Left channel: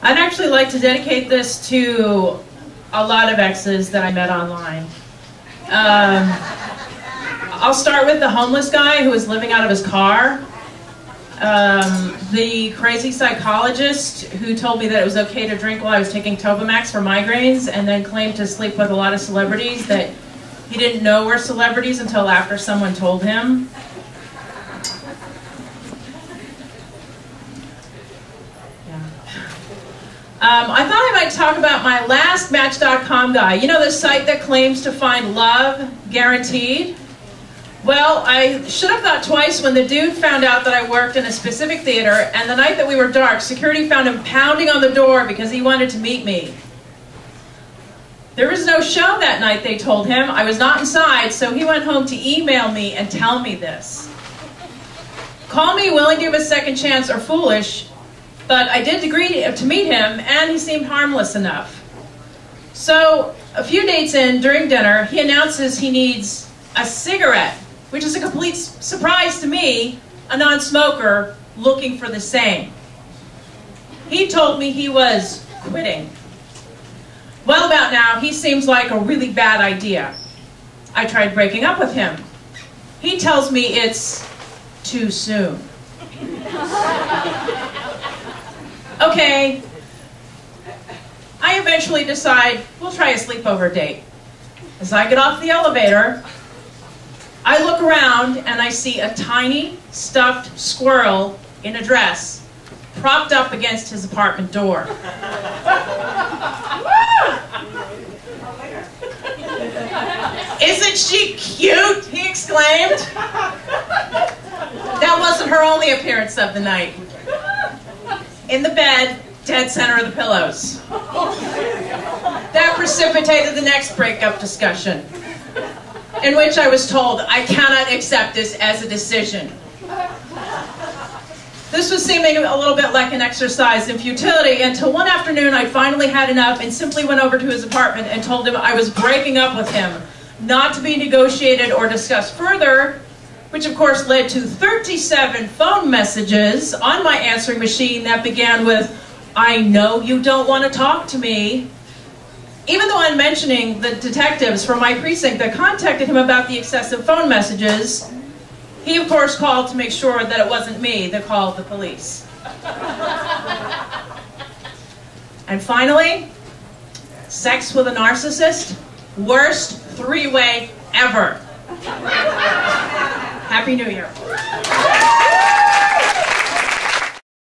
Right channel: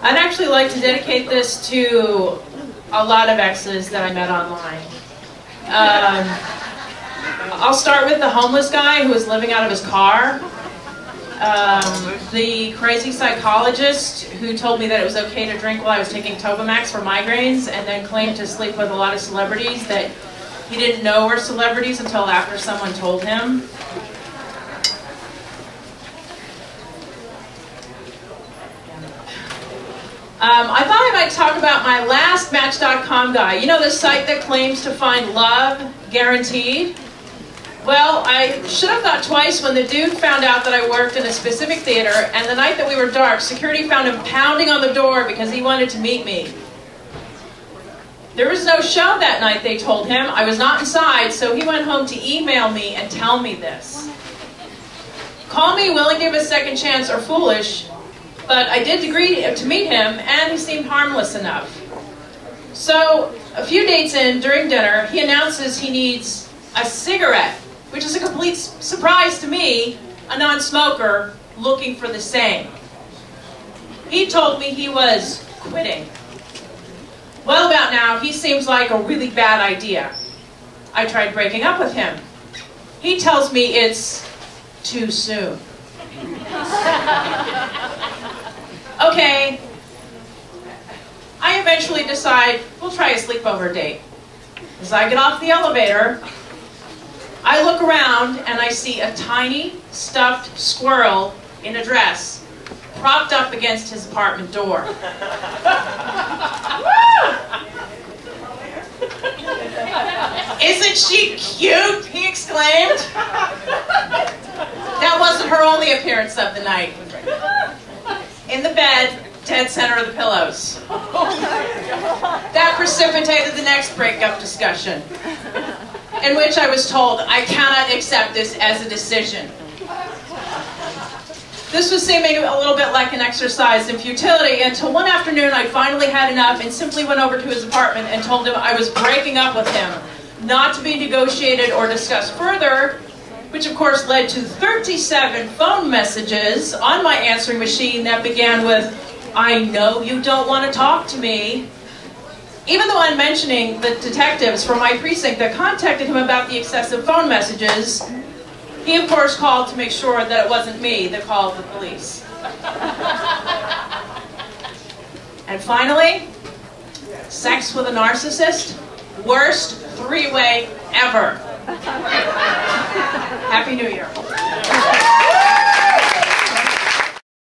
I'd actually like to dedicate this to a lot of exes that I met online. I'll start with the homeless guy who was living out of his car. The crazy psychologist who told me that it was okay to drink while I was taking Topamax for migraines, and then claimed to sleep with a lot of celebrities that he didn't know were celebrities until after someone told him. I thought I might talk about my last Match.com guy. You know, the site that claims to find love guaranteed? Well, I should have thought twice when the dude found out that I worked in a specific theater, and the night that we were dark, security found him pounding on the door because he wanted to meet me. There was no show that night, they told him. I was not inside, so he went home to email me and tell me this. Call me willing to give a second chance or foolish, but I did agree to meet him, and he seemed harmless enough. So, a few dates in, during dinner, he announces he needs a cigarette, which is a complete surprise to me, a non-smoker looking for the same. He told me he was quitting. Well, about now, he seems like a really bad idea. I tried breaking up with him. He tells me it's too soon. Okay, I eventually decide we'll try a sleepover date. As I get off the elevator, I look around and I see a tiny stuffed squirrel in a dress propped up against his apartment door. "Isn't she cute?" he exclaimed. That wasn't her only appearance of the night. In the bed, dead center of the pillows. That precipitated the next breakup discussion, in which I was told I cannot accept this as a decision. This was seeming a little bit like an exercise in futility until one afternoon I finally had enough and simply went over to his apartment and told him I was breaking up with him, not to be negotiated or discussed further, which of course led to 37 phone messages on my answering machine that began with, "I know you don't want to talk to me." Even though I'm mentioning the detectives from my precinct that contacted him about the excessive phone messages, he of course called to make sure that it wasn't me that called the police. And finally, sex with a narcissist, worst three-way ever. Happy New Year.